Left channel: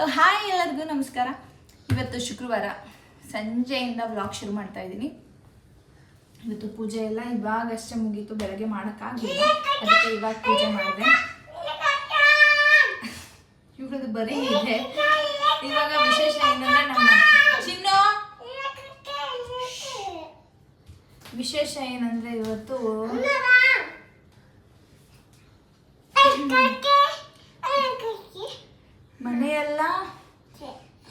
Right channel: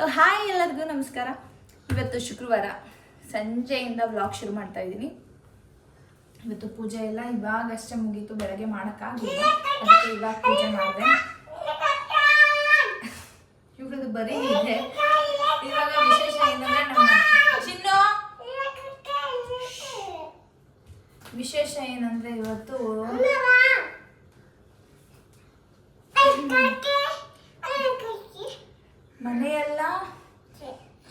So hi ಎಲ್ಲರಿಗೂ ನಮಸ್ಕಾರ. ಇವತ್ತು ಶುಕ್ರವಾರ ಸಂಜೆಯಿಂದ ವ್ಲಾಗ್ ಶುರು ಮಾಡ್ತಾ ಇದ್ದೀನಿ. ಇವತ್ತು ಪೂಜೆ ಎಲ್ಲ ಇವಾಗಷ್ಟೇ ಮುಗೀತು, ಬೆಳಗ್ಗೆ ಮಾಡೋಕ್ಕಾಗಲಿಲ್ಲ, ಅದಕ್ಕೆ ಇವಾಗ ಪೂಜೆ ಮಾಡಿದೆ. ಇವ್ರದ್ದು ಬರೀ ಇದೆ. ಇವಾಗ ವಿಶೇಷ ಏನಂದ್ರೆ ವಿಶೇಷ ಏನಂದ್ರೆ ಇವತ್ತು ಮನೆಯೆಲ್ಲ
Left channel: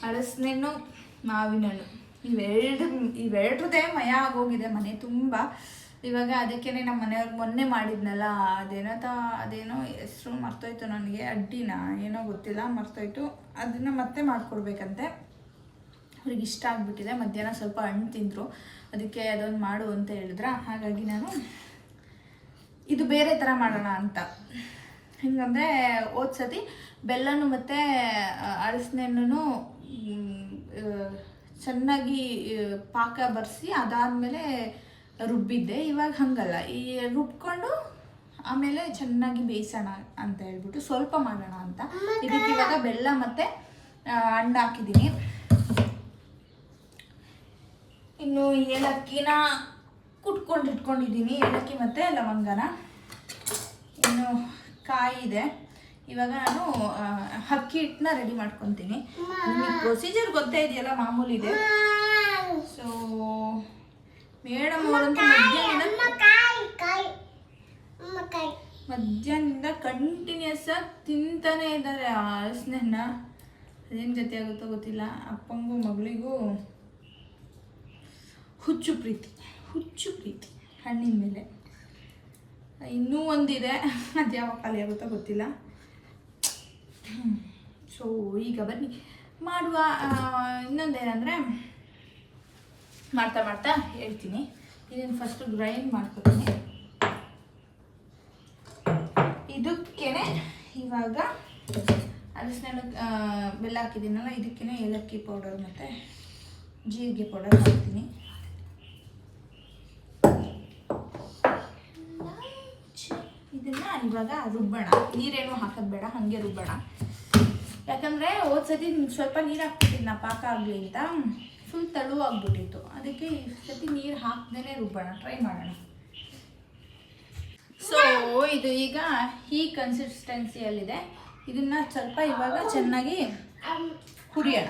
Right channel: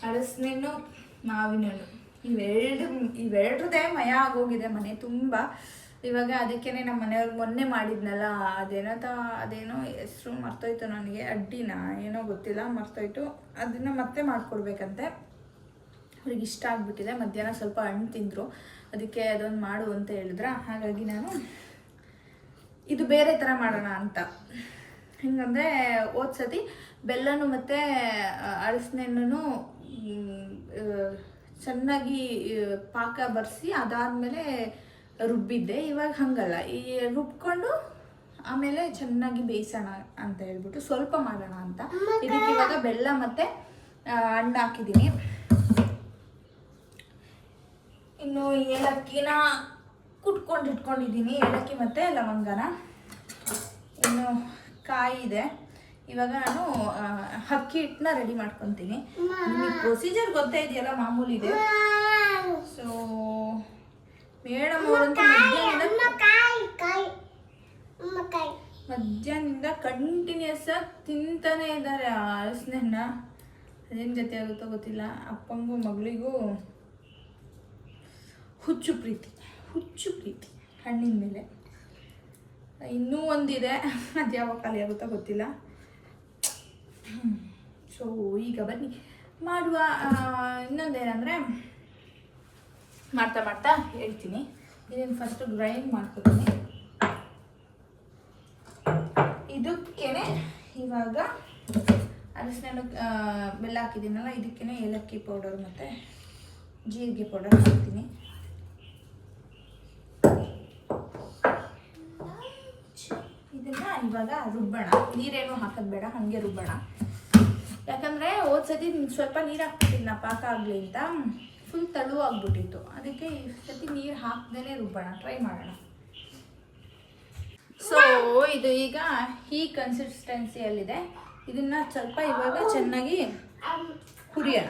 ಹಲಸಿನಣ್ಣು ಮಾವಿನಣ್ಣು ಇವೆರಡ್ರದೇ ಮಯ ಆಗೋಗಿದೆ ಮನೆ ತುಂಬ. ಇವಾಗ ಅದಕ್ಕೇನೆ ನಮ್ಮ ಮನೆಯವ್ರಿಗೆ ಮೊನ್ನೆ ಮಾಡಿದ್ನಲ್ಲ, ಅದೇನೋ ಹೆಸರು ಮರ್ತೋಯ್ತು ನನಗೆ, ಅಡ್ಡಿನ ಏನೋ ಗೊತ್ತಿಲ್ಲ, ಮರ್ತೋಯ್ತು. ಅದನ್ನ ಮತ್ತೆ ಮಾಡ್ಕೊಡ್ಬೇಕಂತೆ. ಅವ್ರಿಗೆ ಇಷ್ಟ ಆಗ್ಬಿಟ್ಟಿದೆ. ಮಧ್ಯಾಹ್ನ ಸ್ವಲ್ಪ ಹಣ್ಣು ತಿಂದರು, ಅದಕ್ಕೆ ಅದೊಂದು ಮಾಡು ಅಂತ ಹೇಳಿದ್ರ. ಹಾಗಾಗಿ ನಾನು ಇದು ಬೇರೆ ಥರ ಮಾಡೋಣ ಅಂತ. ಹೆಂಗಂದರೆ ಓದ್ಸತಿ ಬೆಲ್ಲನು ಮತ್ತು ಹಲಸಿನಣ್ಣು ಚೆನ್ನಾಗಿ ಪಾಕ ಬರೆಸಿ ಅದಾದಮೇಲೆ ರುಬ್ಬಿದ್ದೆ. ಇವಾಗ ಹಂಗಲ್ಲ, ಈ ರುಬ್ಕೊಂಡು ಆಮೇಲೆ ಚೆನ್ನಾಗಿ ಬೇಯಿಸೋಣ ಅಂತ ಹೇಳ್ಬಿಟ್ಟು ಸ್ವಲ್ಪ ಮಾಡೋಣ ಅಂತ. ಇದಕ್ಕೆ ಇವಾಗ ಬೆಲ್ಲ ಮತ್ತು ಹಣ್ಣು ಹಾಕಿದ್ದೀನಿ. ಇನ್ನು ಏಲಕ್ಕಿನ ಕುಟ್ಕೊಂಡು ಇಟ್ಕೊಂಡಿದ್ದೀನಿ, ಏಲಕ್ಕಿ ಮತ್ತು ಲವಂಗನ. ಇನ್ನು ಕಾಯಿ ಇದೆ. ಇವಾಗ ನಾನು ಅಕ್ಕಿ ಹಿಟ್ಟನ್ನ ರೆಡಿ ಮಾಡ್ಕೊತೀನಿ. ನಿಮಗೆ ಪ್ರೊಸೀಜರ್ ಗೊತ್ತೇ ಇದೆಯಲ್ಲ, ಮಾಮೂಲಿ ಇದೆ. ಸೊ ಮೇಡಮ್ ಅವರಂತೂ ಮಧ್ಯಾಹ್ನದಿಂದ ಕಂಟಿನ್ಯೂಸ್ ಆಗಿ ತಿಂತಾನೆ ಇದ್ದಾರೆ ಹಲಸಿನಣ್ಣ. ಅದೇನು ಜೊತೆ ಆಗುತ್ತೋ ಗೊತ್ತಿಲ್ಲ. ಅಪ್ಪಂಗೂ ಮಗಳಿಗೂ ಹುಚ್ಚು ಪ್ರೀತಿ ಹಣ್ಣಿನ ಮೇಲೆ. ಇನ್ನೂ ಒಂದಿದೆ, ಅದು ಯಾವಾಗ ಖಾಲಿ ಆಗುತ್ತೋ ಗೊತ್ತಿಲ್ಲ. ಸೊ ಈಗ ಬನ್ನಿ ಮಾಡುವ. ಇನ್ನೊಂದೇನೆಂದರೆ ಮಾಡ್ತಾ ಹೇಳ್ತೀನಿ. ಇದನ್ನು ಫಸ್ಟು ಗ್ರೈಂಡ್ ಮಾಡ್ಕೊತೀನಿ. ಇದಕ್ಕೇನೆ ಇವಾಗ ಹಲಸಿನಣ್ಣು ಬೆಲ್ಲ ಹಾಕಿದ್ದೀನಲ್ಲ, ಇದಕ್ಕೇನೆ ಏಲಕ್ಕಿ ಪೌಡರ್ ಮತ್ತು ಜೀರಿಗೆ ಪೌಡರ್ ಹಾಕ್ತೀನಿ. ಇದನ್ನ ಇವಾಗ ರುಬ್ಬೋಣ. ನೀರೇನು ಹಾಕೋದು ಬೇಡ, ಹಾಗೆ ರುಬ್ಬೋಣ. ಯಾಕಂದರೆ ಹೋದ್ಸತಿ ಸ್ವಲ್ಪ ನೀರು ಹಾಕ್ಬಿಟ್ಟಿದ್ನ ಪಾಕ ಆಗಲಿ ಅಂತ, ಫುಲ್ ತೆಳುವಾಗ್ಬಿಟ್ಟಿತ್ತು. ಅದಕ್ಕೆ ಈ ಸತಿ ನೀರು ಹಾಕ್ದೇ ರುಬ್ಬೋಣ, ಟ್ರೈ ಮಾಡೋಣ. ಸೊ ಇದು ಈಗ ಈ ಕನ್ಸಿಸ್ಟೆನ್ಸಿಯಲ್ಲಿದೆ. ಇದನ್ನ ಸ್ವಲ್ಪ ಇವಾಗ ಚೆನ್ನಾಗಿ ಹುರಿಯೋಣ.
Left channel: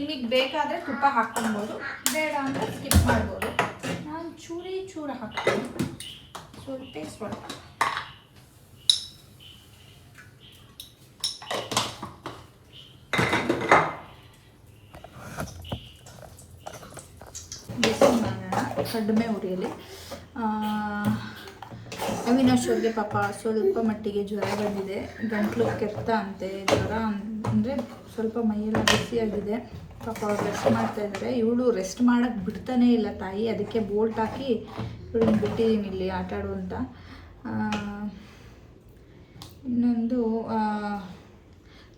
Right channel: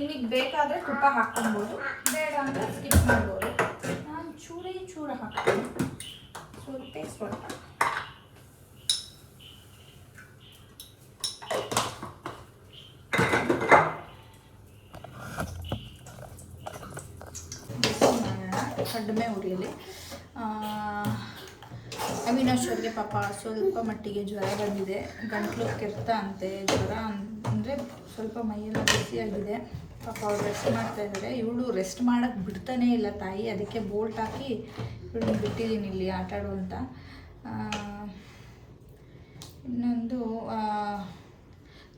ನಿಮಗೆ ಬೇಕಾದರೆ ತುಪ್ಪ ಹಾಕ್ಕೊಬೋದು, ಬೇಡ ಅಂದರೆ ಸ್ಕಿಪ್ ಮಾಡ್ಬೋದು. ನಾನು ಚೂರ ಹಾಕ್ತೀನಿ, ಸ್ವಲ್ಪ ಟೇಸ್ಟ್ ಬರುತ್ತೆ. ಕಡಿಮೆ ಉರಿಯಲ್ಲಿ. ಅವಿನಾಶ್ ಅವ್ರಿಗೆ ಪಾಪ ಸ್ವಲ್ಪ ಮಟ್ಟಿಗೆ ಜ್ವರ ಬಂದಿದೆ, ಗಂಟ್ಲು ಕೆರೆತ ಅಂತೆ. ಜ್ವರ ಅಂದರೆ ಸ್ವಲ್ಪ ಮೈಯೆಲ್ಲ ಬಿಸಿಯಾಗಿದೆ. ಪಾಪ ಅವ್ರು ರೆಸ್ಟ್ ಮಾಡ್ತಾಯಿದ್ದಾರೆ. ಇವಳು ರೆಸ್ಟ್ ಮಾಡೋಕ್ಕೆ ಬಿಡ್ತಾನೇ ಇಲ್ಲ ತಾಯಿ, ಅದಕ್ಕೆ ಬೋಲ್ಟ್ ಹಾಕಿ ಇವಳನ್ನ ಬಿಟ್ಟಿದ್ದೀನಿ ಇಲ್ಲಿ ಆಟ ಆಡು ಅಂತ. ಇನ್ನೊಂದು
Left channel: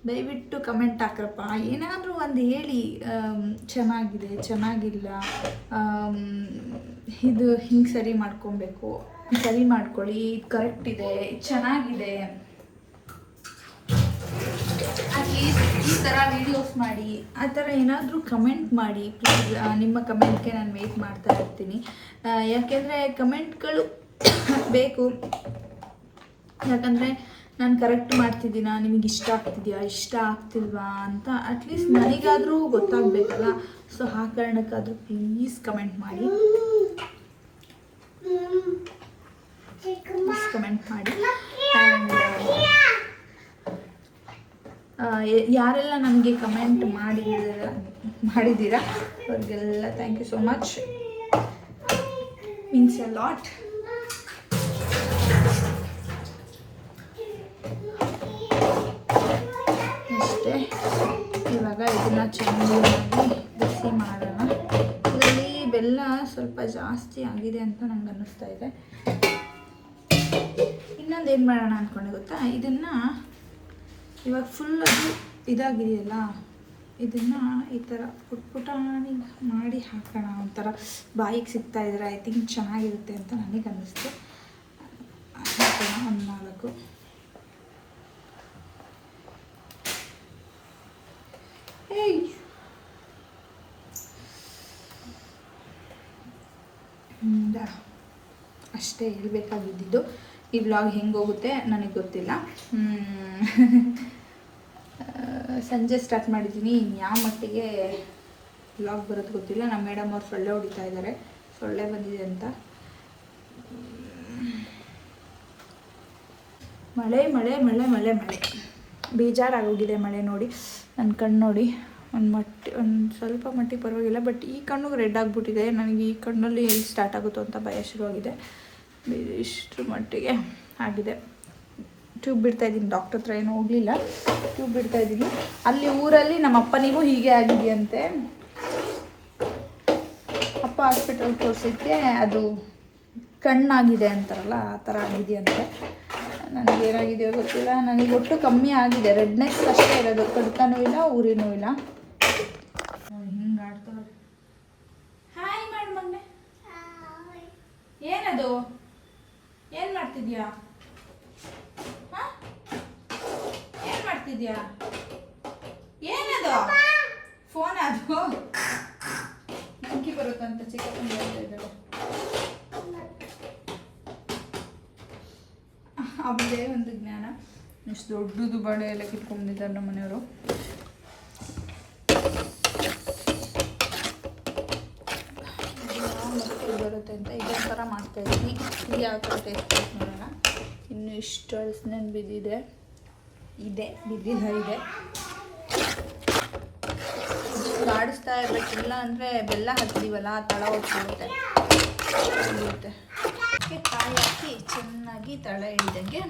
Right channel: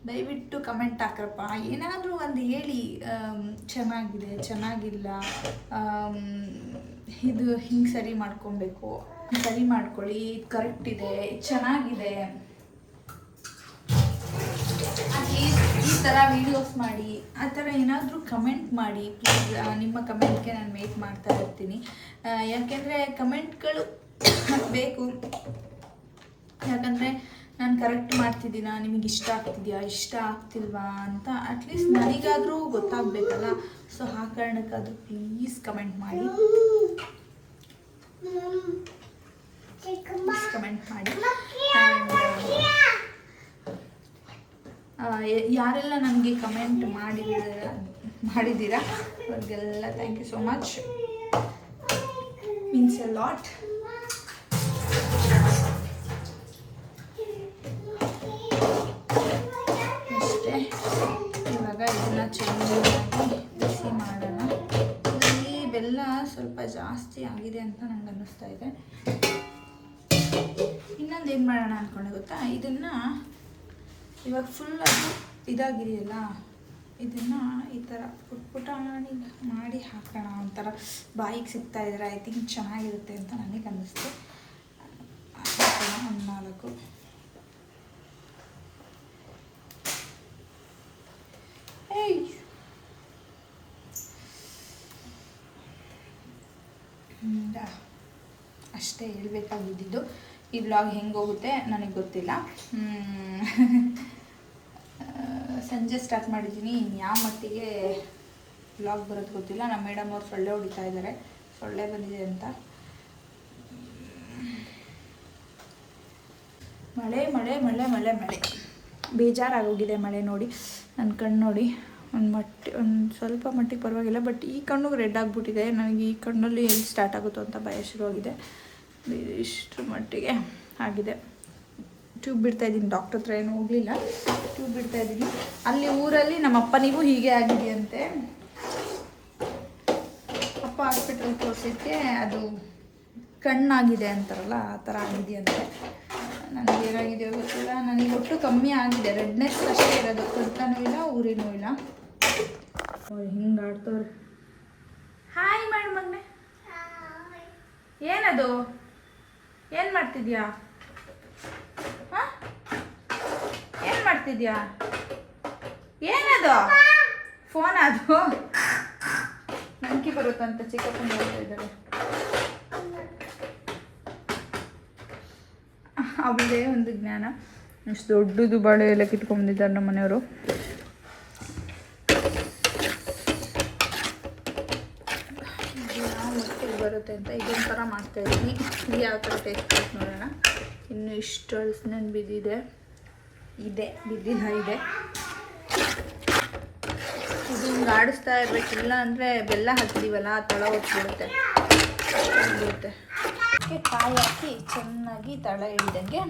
ದಯವಿಟ್ಟು ಕಮೆಂಟ್ ಹಾಕ್ರಪ್ಪ, ಏನಾದರೂ ಒಂದು ಹೇಳಿ. ಚೆನ್ನಾಗಿದೆ, ಚೆನ್ನಾಗಿಲ್ಲ, ಇದು ಹಿಂಗೆ ಸರಿ ಮಾಡ್ಕೊಬೇಕು, ಸರಿ ಮಾಡ್ಕೊಳ್ಳಿ, ಇದು ಕರೆಕ್ಟ್ ಇದೆ, ಚೆನ್ನಾಗಿದೆ, ಈ ಥರ ವೀಡಿಯೋಸ್ ಮಾಡಿ, ಆ ಥರ ಏನಾದರೂ ಕಮೆಂಟ್ ಮಾಡಿ ಪ್ಲೀಸ್. ನಿಮ್ಮ ಕಮೆಂಟ್ಗೆ ನಾನು ವೇಟ್ ಮಾಡ್ತಾ ಇರ್ತೀನಿ. ಯಾಕೆಂದರೆ ಕಮೆಂಟ್ಗಳು ಬೇಕು. ಯಾಕಂದರೆ ನಾನು ಕರೆಕ್ಟ್ ಮಾಡ್ತಿದ್ದೀನಾ, ನಿಮಗೆ ಇಷ್ಟ ಆಗ್ತಿದೆಯಾ, ಇಷ್ಟ ಆಗ್ತಿಲ್ವಾ ಅಂತ ಅಟ್ಲೀಸ್ಟ್ ನನಗಾದರೂ ಗೊತ್ತಾಗಬೇಕಲ್ಲ. ಸೊ ಆ ಕಾರಣಕ್ಕಾದರೂ ಪ್ಲೀಸ್ ಕಮೆಂಟ್ ಮಾಡಿ, ಯಾರೆಲ್ಲ ನನಗೆ ಕಮೆಂಟ್ ಮಾಡಿದ್ದೀರಾ ಅವ್ರಿಗೆಲ್ಲ thank you so much, means a lot. ಅಷ್ಟೇ. ಇವಾಗ ಇದನ್ನು ಚೆನ್ನಾಗಿ ಬಿಸಿ ಮಾಡೋಣ. ಇದರಲ್ಲಿ ಬೆಲ್ಲ ಸ್ವಲ್ಪ ಜಾಸ್ತಿ ಆಗಿದೆ ಅಂತ ನಂಗೆ ಅನ್ನಿಸ್ತಾ ಇದೆ. ಇನ್ನೊಂದು ಏನು ಮಾಡೋಣ ಅಂದ್ಕೊಂಡೆ ಗೊತ್ತಾ, ಇದನ್ನು ಇವಾಗ ಫುಲ್ ಅದು ಇದಾಗಿದೆಯಲ್ಲ, ಇದನ್ನು ಈ ಥರ ಪುಟಾಣಿ ಮಾಡಿ ಹಾಕೋಣ. ಒಂಥರ ಬಾಯಿಗೆ ಸಿಗ್ತಾ ಇದ್ರೆ ಐ ಥಿಂಕ್ ಚೆನ್ನಾಗಿರುತ್ತೆ ಅಂತ ನನಗೆ ಅನ್ನಿಸ್ತು. ಹಾಕೋಣ ಒಂದು 4. ಅಷ್ಟೇ ಹೇಳಬೇಕಾಗಿದ್ದು. ಈ ವ್ಲಾಗ್ ಹೆಂಗೆ ಹೋಗುತ್ತೆ ನನಗೆ ಗೊತ್ತಿಲ್ಲ. ಸಂಜೆ ಸ್ಟಾರ್ಟ್ ಮಾಡಿದ್ದೀನಿ, ಯಾವ ಮಟ್ಟಿಗೆ ವ್ಲಾಗ್ ಬರೋದು ಗೊತ್ತಿಲ್ಲ. ನಮ್ಮ ಮೇಡಮ್ ಅವ್ರು ಸೊಳ್ಳೆ ಹೊಡಿತಾ ಇದ್ದಾರೆ, ಸೊಳ್ಳೆ ಬಂದಿದೆ ಅಂತ. ಮಳೆ ಮಳೆ ಮಳೆ ಮಳೆ ಮಳೆ ಬೇಜಾರಾಗೋಗಿದೆ ಮಳೆ ನೋಡಿ. ನನ್ನ ಕಣ್ಣು ನೋಡಿ, ಒಂದು ಸ್ವಲ್ಪ ಮಟ್ಟಿಗೆ ಪರವಾಗಿಲ್ಲ, ಬಟ್ ಈ ಕಣ್ಣು ರೆಡ್ ಆಗಿಬಿಟ್ಟಿದೆ. ನನಗೆ ಈ ಕಣ್ಣಲ್ಲಿ ಎಲ್ಲಿ ಸ್ಟಾರ್ಟ್ ಆಗುತ್ತೋ ಅಂತ ಭಯ ಶುರುವಾಗಿದೆ. ಇಷ್ಟರ ಮಟ್ಟಿಗೆ ಆಗಿದೆ. ಟ್ಯೂಬ್ ಬಿಡ್ತಾಯಿದ್ದೀನಿ, ಡಾಕ್ಟ್ರ್ ಹತ್ರ ಏನೂ ಹೋಗಲಿಲ್ಲ, ಟ್ಯೂಬ್ ಬಿಡ್ತಾಯಿದ್ದೀನಿ. ಅಲ್ಲಿ ಊರಲ್ಲಿ ನಮ್ಮ ಅಪ್ಪನಿಗೂ ಹೀಗೆ ಆಗಿದೆಯಂತೆ. ಅಪ್ಪ ಹಾಸ್ಪಿಟಲ್ ತೋರಿಸಿದ್ಕೆ ಅದು ಕಣ್ಣಾಗಿದೆ ಅಂತಾರಲ್ಲ, ಆ ಥರ ಆಗಿದೆಯಂತೆ. ನನಗೇನಾಗಿದೆಯೋ ಗೊತ್ತಿಲ್ಲ. ನನಗೆ ಒಟ್ಟು ಕಮ್ಮಿ ಆಗಿದೆ, ರೆಡ್ನೆಸ್ ಅಷ್ಟೇ ಇರೋದು, ಕಡ್ತನೂ ಇಲ್ಲ, ಊರಿನೂ ಇಲ್ಲ. ಹಿಂಗೆ ಆಡ್ತವ್ರೆ. ಹಾಯ್ ಮಾಡಿ ಮಗನೆ. ಏನದು, ಏನು ಮಾಡ್ತಿದ್ಯಾ? ಏನು ಮಾಡ್ತಿದ್ಯಾ? ಏನದು? ಫೋನ್ ಅದು ನಂಕಿ ಬರುತ್ತಂತ ಚಿಕ್ಕಪ್ಪನ ಹೇಳ್ತಾ ಇದ್ದಾರೆ. ಅವಳೇ ಒಂದು ಜ್ಞಾನ. ಇಷ್ಟು ದೊಡ್ಡದು ಬಾಳೆ ಎಲ್ಲ ಕಿತ್ಕೊಂಡಿದ್ದಾರೆ ನಮ್ಮ ಮನೆಯವರು. ಬರುತ್ತೆ ಅಂತ ಇದೊಂದು ಥರ ಮಾಡ್ತಾಯಿದ್ದೀನಿ. ಇದು ಯಾವ ಥರ ಟೇಸ್ಟ್ ಬರುತ್ತೆ ನೋಡೋಣ. ಇನ್ನು ಇಷ್ಟು ಹಲಸಿನ ಬಿದ್ದಿದೆ, ಬಿದ್ದಿಲ್ಲ ಇದೆ. ಇದು ಆಡಿಸ್ತಾ ಇರಬೇಕಿಲ್ಲ ಅಂದರೆ ಬೆಲ್ಲ ಹಾಕ್ತೀವಲ್ಲ, ತಳ ಹೊತ್ಬಿಡುತ್ತೆ. ಕಾಯಿ ಹಾಕಿ ಚೆನ್ನಾಗಿ ತಳ ಹಿಡ್ದಂಗೆ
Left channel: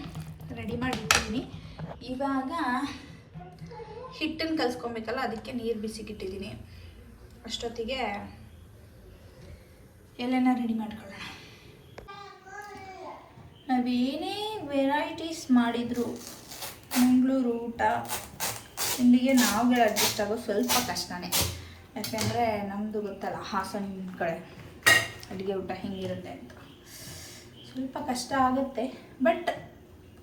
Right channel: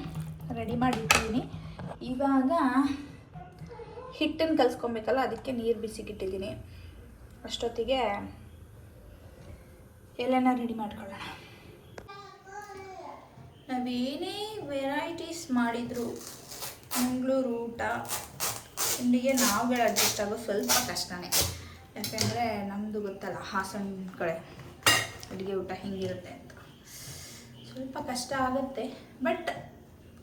ರೆಡಿ ಮಾಡಿಟ್ಟಿದ್ದೀನಿ. ಇವಾಗ ಹಿಟ್ಟನ್ನು ಕಲಿಸ್ಕೊಬೇಕಲ್ಲ, ಅದಕ್ಕೆ ನೀರು ಬಿಸಿಗಿಟ್ಟಿದ್ದೀನಿ. ಅಷ್ಟೊತ್ತಿಗೆ ಎಲ್ಲನ ರೆಡಿ ಮಾಡ್ಕೊಳ್ಳೋಣ. ನಾವೇನೇ ವೆರೈಟೀಸ್ ಮಾಡಿದ್ರು ಮಂಗಳೂರು ಊಟ ತಿಂಡಿಗೆ ನಾವುಗಳು ಅಡ್ಜಸ್ಟ್ ಆಗೋದು ಸ್ವಲ್ಪ ಕಷ್ಟನೇ. ಯಾಕೆಂದರೆ ನಮ್ಮದು ಗೊತ್ತಲ್ಲ, ಹಾಸನ ಕಡೆ ಅಡುಗೆ ಊಟ ಹೆಂಗಿರುತ್ತೆ ಅಂತ ಸ್ವಲ್ಪ ಕಷ್ಟ ಆಗುತ್ತೆ. ಬಟ್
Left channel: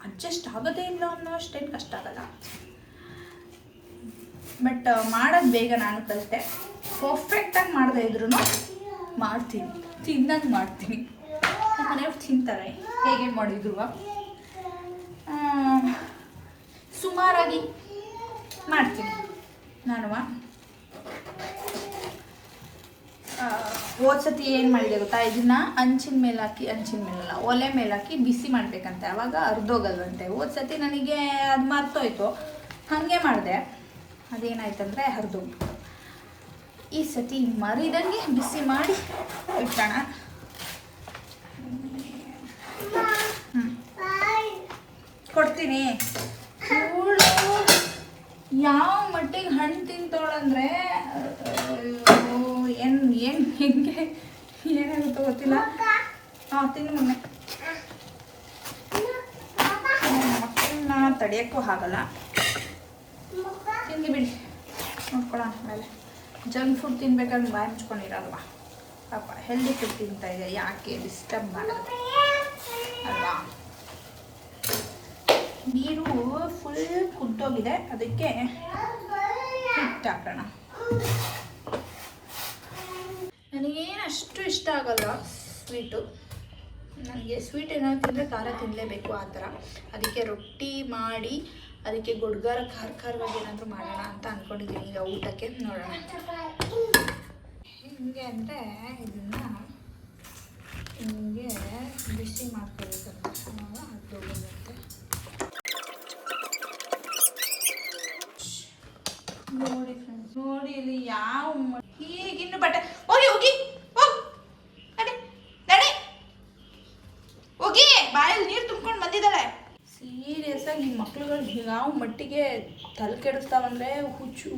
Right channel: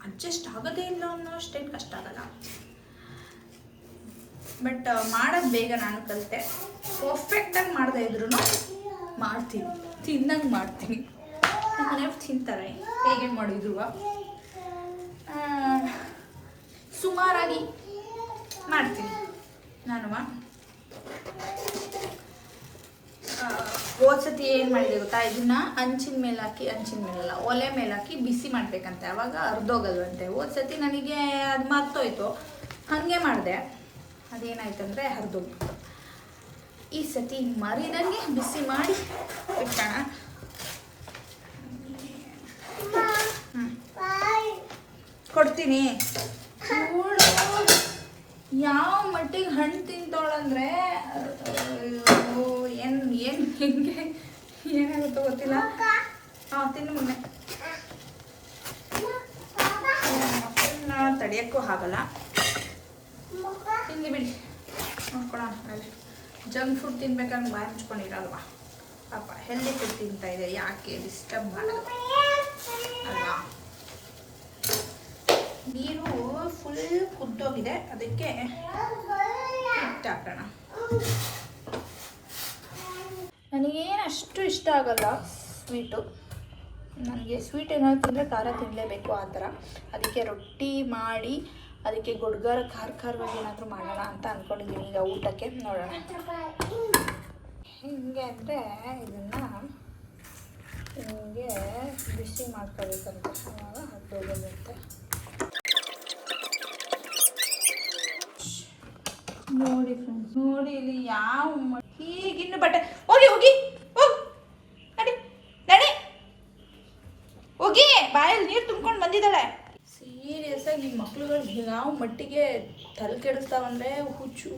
ಅಡ್ಜಸ್ಟ್ ಆಗೋದೇ ಇಲ್ಲ ಅನ್ನೋ ಅಷ್ಟೇನು ಕಷ್ಟ ಆಗಲ್ಲ. ಬಟ್ ಮಾಡೋದು ಬೇಗ ನಾನು ಕಲಿತೆ. ಪರ್ಫೆಕ್ಟಾಗಿ ಮಾಡದೇ ಇದ್ರೂ ಮಾಡ್ತೀನಿ, ತಿನ್ನಂಗೆ ಮಾಡ್ತೀನಿ. ನಮ್ಮ ಮನೆಯವ್ರು ತಿಂತಾರೆ ಹೇಗೆ ಮಾಡಿದ್ರು. ಸುಮಾರಾಗಿ ಮಾಡ್ತೀನಿ ನಾನು. ಹೋದ್ಸತಿ ಏನು ಮಾಡಿದೆ ಗೊತ್ತಾ, ಇದನ್ನು ಹಂಚಿನ ಮೇಲಲ್ಲ ಒಲೆ ಮೇಲೆ ಹಾಕಿ ಬಿಸಿ ಮಾಡಬೇಕಂತೆ, ಆವಾಗ ಅರ್ಧೋಗಲ್ವಂತೆ. ಹೋದ್ಸತಿ ನನಗೆ ಅದು ಮರ್ತೋಯ್ತು, ಹಾಗೆ ಮಾಡಿದೆ, ಅದೇನಾಯ್ತಂದರೆ ಹರಿದೋಗ್ಬಿಟ್ಟು. ಈ ಸತಿ ಮರಿದಂಗೆ ಬಿಸಿ ಮಾಡಿ ಇಟ್ಟೋಣ. ಕೊಡ್ತೀನಿ. ಯಾವ ಮಟ್ಟಿಗೆ ಹಣ್ಣು ತಿಂತೋಳಂದರೆ ಏನು ಹೆಂಗೆ ಏನಾಗುತ್ತೋ ಗೊತ್ತಿಲ್ಲ. ತಿನ್ನು ಮೊನ್ನೆ ಮಕ್ಕಳನ್ನ ತಡೆಯೋಕ್ಕೂ ಆಗಲ್ಲ. ತಿಂದು ಬಿಡಿ, ನೋಡ್ಕೊಳೋಣ ಆಮೇಲೆ. ಜಂಕ್ ಫುಡ್ ತಿನ್ಬೇಕಾದ್ರೆ ಬಾಯಿ ಮುಚ್ಕೊಂಡಿರಲ್ವಾ ಪಾಪ, ಹೆಲ್ದಿ ಫುಡ್ ತಿಂತಾ ಇದೆ, ಯಾಕೆ ಡಿಸ್ಟರ್ಬ್ ಮಾಡೋದು ಅಲ್ವಾ. ನೀರು ಫುಲ್ ಕುದ್ದೋಗಿದೆ, ಅದಕ್ಕೆ ಹಿಟ್ಟು ಹಾಕೋಣ. ನನಗೇನು ಅಷ್ಟು ಇಷ್ಟ ಆಗಲ್ಲ ಸ್ವೀಟು. ನನಗೆ ಸ್ವೀಟ್ ಏನಾದ್ರು ತಿಂದರೆ ಖಾರ ತಿನ್ನಲೇಬೇಕು ಆ ಥರ. ಅದಕ್ಕೆ ರೊಟ್ಟಿ ಮಾಡಿ ಅದಕ್ಕೆ ಗೊಡ್ಗಾರ ಖಾರವಾಗಿ ಏನಾದರೂ ಮಾಡೋಣ ಅಂತ ಅಂದ್ಕೊಂಡಿದ್ದೀನಿ. ಈಗ ಊಟಕ್ಕೆ ನೋಡೋಣ ಹಿಂಗೆ ಅಂದರೆ ಇದನ್ನು ಹಿಂಗೆ ಬಿಸಿ ಮಾಡ್ಕೋಬೇಕಂತ, ಆವಾಗ ಹತ್ತೋಗೋದಂತೆ. ನೋಡಿ ಫ್ರೆಂಡ್ಸ್, ನೋಡಿ ಇಲ್ಲಿ ಯಾವ ಈಗಿನ್ನು ಬಟ್ಟೆ ಹೋಗಿ ಹೋಗಿ ನಡಿ ನಡಿ ಹೋಗಿ, ಬಾಯಲ್ಲಿ ನೀರು ತುಂಬ್ಕೊಂಡು ಬಂದಿದ್ದಾಳೆ. ಸೀರಿಯಸ್ ಆಗಿ ಈ ಮಕ್ಳುಗಳು ಯಾವ ಮಟ್ಟಿಗೆ ತಲೆ ಕೆಡಿಸ್ತಾವಂದರೆ ಹುಚ್ಚು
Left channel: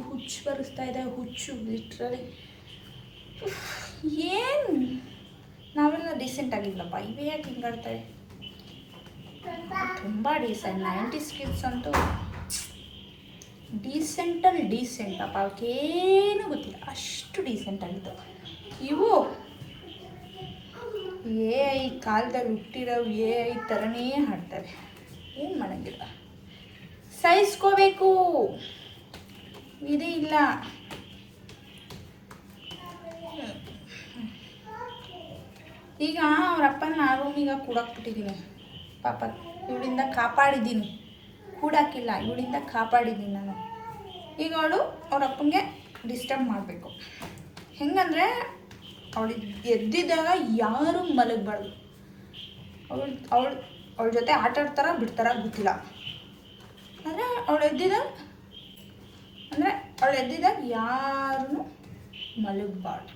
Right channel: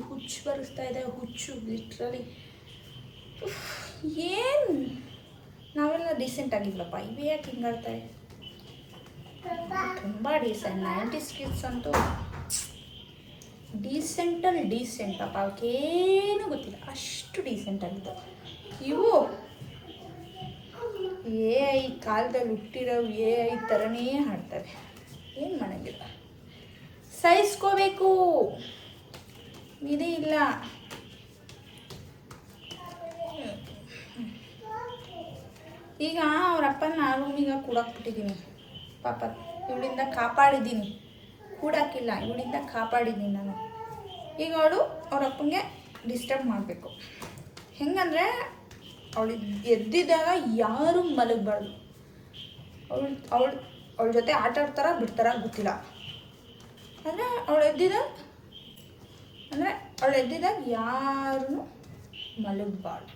ಬರಿಸ್ತಾ ಇದೆ, ಹುಚ್ಚು ಲಿಟ್ರಲಿ. ಏನು ನಾವೆಲ್ಲ ಡೀಸೆಂಟ್ ಆಗಿದ್ಲಪ್ಪ, ಇವೇ ಯಾಕೆ ಹಿಂಗಾಡ್ತಾರೆ? ತುಂಬ ಡೀಸೆಂಟ್. 90s ಕಿಡ್ಸ್ ಅಂತೂ ಡೀಸೆಂಟಲ್ಲಿ ಡೀಸೆಂಟಪ್ಪ, ಅವಕ್ಕೇನು ಗೊತ್ತಿಲ್ಲ, ಅಷ್ಟು ಡೀಸೆಂಟ್ ಆಗಿದ್ದು. ಇವು AI ಕಾಲದಲ್ಲಿ ಹುಟ್ಟಿರೋ AI ಥರನೇ ಹಾಡ್ತವೆ. ಏನು ಮಾಡೋಂಗಿಲ್ಲ, ಸಹಿಸ್ಕೋಬೇಕು, ಇದೇ ಇಲ್ಲ. ಈಗ ಅವ್ರ ಅಪ್ಪನ ಆ ರೂಮಿಗೆ ಕೂಡಾಕ್ಬಿಟ್ಟಿದ್ದೀನಿ. ಪಾಪ ಇವಳಿಂದ ಕಾಪಾಡಿದ್ದೀನಿ, ಕೂಡಾಕಿಲ್ಲ, ಇವಳಿಂದ ಕಾಪಾಡಿದ್ದೀನಿ ನಾನು. ಈಗ ಅವಳು ಅವ್ರ ಅಪ್ಪನಿಗೆ ಡಿಸ್ಟರ್ಬ್ ಮಾಡಬೇಕು. ಹೆಂಗಂದರೆ ಅವಳು ಎದ್ದಿದ್ದಾಗ ಯಾರೂ ಮಲಗಬಾರ್ದು. ಅವಳ ಜೊತೆ ಆಟ ಆಡ್ತಾರ ಬಿಡ್ತಾರ ಗೊತ್ತಿಲ್ಲ. ಅಂದರೆ ಅವಳು ಎದ್ದಿದಾಗ ಯಾರೂ ಮಲಗಬಾರ್ದು.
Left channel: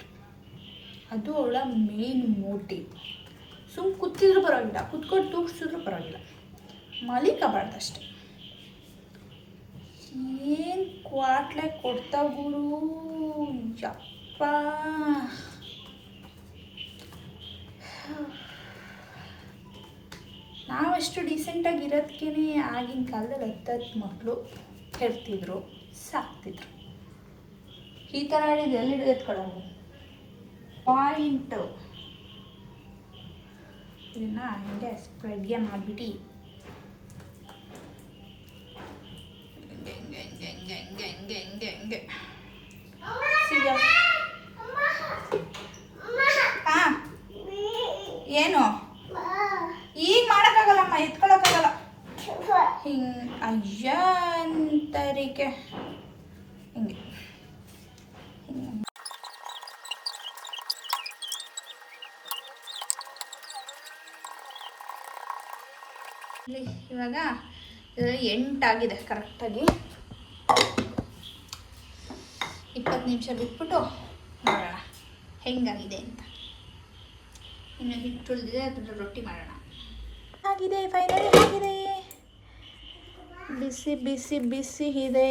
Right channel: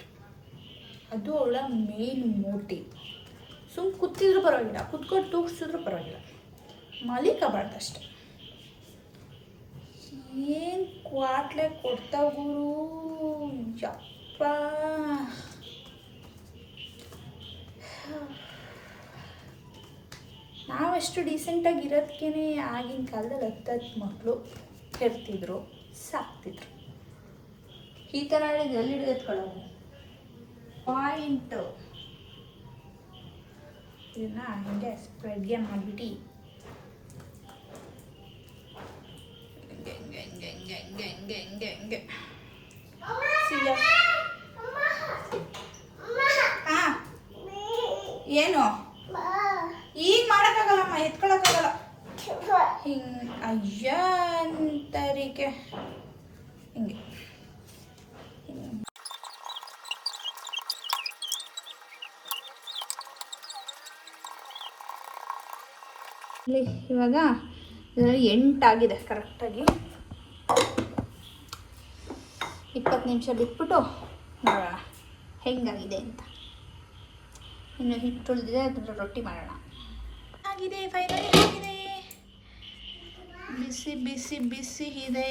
ಅದು ಅವಳ ಮೇನ್ ಮೋಟಿವ್. ಸುಮ್ಮನೆ ಕೂತಿದ್ರು ಪರವಾಗಿಲ್ಲ, ಕೂತ್ಕೊಂಡು ತೂಗಿಸಿದ್ರು ಪರವಾಗಿಲ್ಲ, ಮಲಿಕಬಾರ್ದು ಅಷ್ಟೆ. ಏನು ಕ್ವಾಟ್ಲೆ ಕೊಡ್ತಾವ ಗುರು, ಯಪ್ಪ. ನಾವಷ್ಟು ಡೀಸೆಂಟಾಗಿ ಇರೋದಕ್ಕೇ ಆಗಿನ ಕಾಲದಲ್ಲಿ 10 ಮಕ್ಕಳು ಹೆರ್ತಿದ್ರು, ಸಾಕ್ತಿದ್ರು. ಈ ಥರ ಹೇಳಿದ್ದು ಎಲ್ಲಿ ಹಿಡಿದೆತ್ಕೊಳ್ಳೋವು ಪಾಯಿಂಟು. ಇದನ್ನು ಹಿಂಗೆ ಸ್ಪ್ರೆಡ್ಗೆ ಮಾಡಿಬಿಟ್ಟು ಹಿಂಗೆ ಹಾಂ. ಏನು ಈಗ ಮಾಡೋಕ್ಕಾಗಲ್ಲಮ್ಮ, ಎತ್ಕೊಳ್ಳೋಕ್ಕಾಗಲ್ಲ. ಹಿಂಗೆ ಅಯ್ಯ ಅಂತರಿಕೆ ಹಿಂಗೆ ಇವಾಗ ಇದರಲ್ಲಿ 8 ಆಗಿದೆ ಕರೆಕ್ಟಾಗಿ. 20 ನಿಮಿಷ ಬಿಟ್ಬಿಟ್ಟು ನೋಡೋಣ ಹೆಂಗಾಗಿದೆ ಅಂತ. ಇನ್ನು ಹಿಟ್ಟು ಉಳಿದಿದೆ, ಅದನ್ನು ರೊಟ್ಟಿ ಮಾಡೋಣ. ಆಗಿದೆ, ಫೈನಲಿ ಆಗಿದೆ. ಬಿಸಿ ಬಿಸಿ ಬಿಸಿ ಇದೆ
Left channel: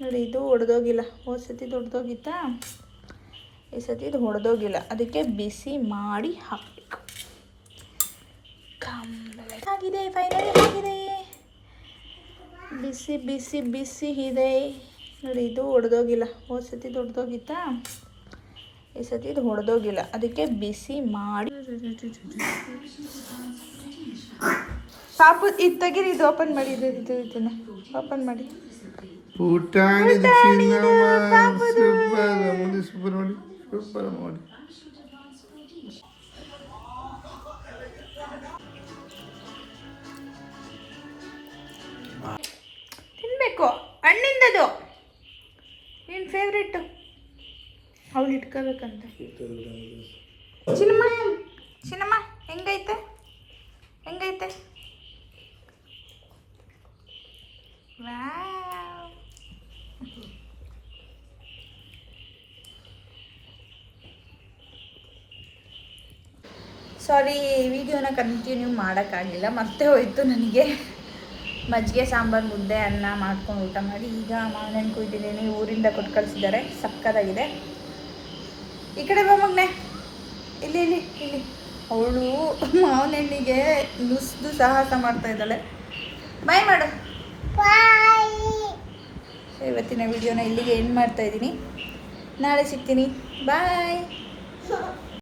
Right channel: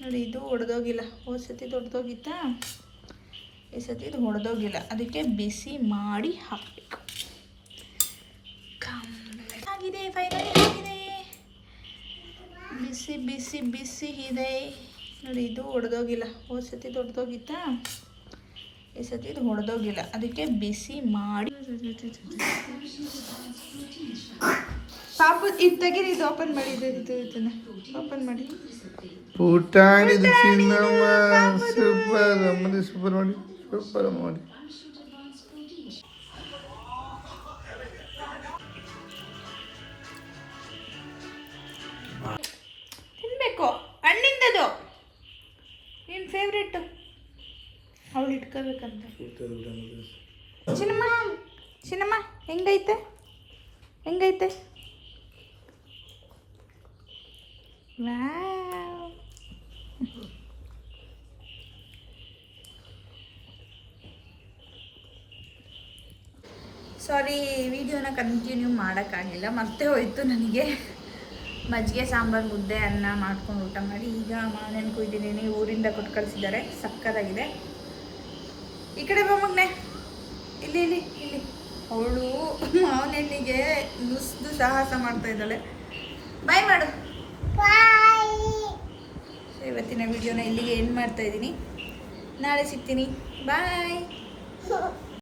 ನೋಡಿ. ಇದು ಒಡೆದೋಗಿಲ್ಲ. ಹೋದ ಸತಿ ದೊಡ್ಡದೋಗಿತ್ತಾ, ಈ ಸತಿ ಇದು ಹೊಡೆದೋಗಿಲ್ಲ, ಅದಕ್ಕೆ ಬಿಸಿ ಮಾಡಿ ಹಾಕಬೇಕು. ಆಗಿದೆ, ಫೈನಲಿ ಆಗಿದೆ. ಬಿಸಿ ಬಿಸಿ ಬಿಸಿ ಇದೆ ನೋಡಿ. ಇದು ಒಡೆದೋಗಿಲ್ಲ. ಹೋದ ಸತಿ ದೊಡ್ಡದೋಗಿತ್ತಾ, ಈ ಸತಿ ಇದು ಹೊಡೆದೋಗಿಲ್ಲ, ಅದಕ್ಕೆ ಬಿಸಿ ಮಾಡಿ. ಪಾಪು ಇದು ತೆಗೀರಿ, ಇದು ಓಪನ್ ಮಾಡಿ. ಇದನ್ನ ಓಪನ್ ಮಾಡಿ. ಸೂಪರ್ ಮಾಡಿ. ತಿನ್ಬೇಕು, ಹಣ್ಣಿಂದದು ಏನು ಫೇವ್ರೇಟು, ಅವಳು ಇಟ್ಕೋಬೇಕಂತ. ಚಿನ್ನಮ್ಮ ಹೆಂಗೈತೆ ಸಾರಿ, ವಿಡಿಯೋನ ಕಂಟಿನ್ಯೂ ಮಾಡೋಕ್ಕಾಗಿಲ್ಲ, ಮತ್ತೆ ಹೋಯ್ತು ನನಗೆ. ಮಜ್ಜಿಗೆ ಸಾಂಬಾರು, ಮುದ್ದೆ, ಅನ್ನ ಮಾಡ್ಕೊಂಡು ಊಟ ಮಾಡಿ ಈಗ ಮಾವಿನ ಕುಯ್ದಿದ್ದೀನಿ. ಊರಿಂದ ಕೊಟ್ಟು ಕಳಿಸಿದ್ದಾರೆ, ಸಕ್ಕತ್ತಾಗಿದೆ. ಈ ಕಡೆ ಬಾ ಮಗನೆ, ಇಲ್ಲಿ ಅವಳು ಮಾವಿನ ಹಣ್ಣಿಗೆ ನುಸ್ದು ಸಾಹಸ ಮಾಡ್ತಾ ಇದ್ದಾಳೆ. ಬಾಯ್ ಮಾಡು. ಸೊ ಇವತ್ತಿನ ವಿಡಿಯೋನ ಇಲ್ಲಿಗೆ ಎಂಡ್ ಮಾಡ್ತಾ ಇದ್ದೀನಿ. ನಾಳೆ ಸಿಗ್ತೀನಿ. ಬಾಯ್.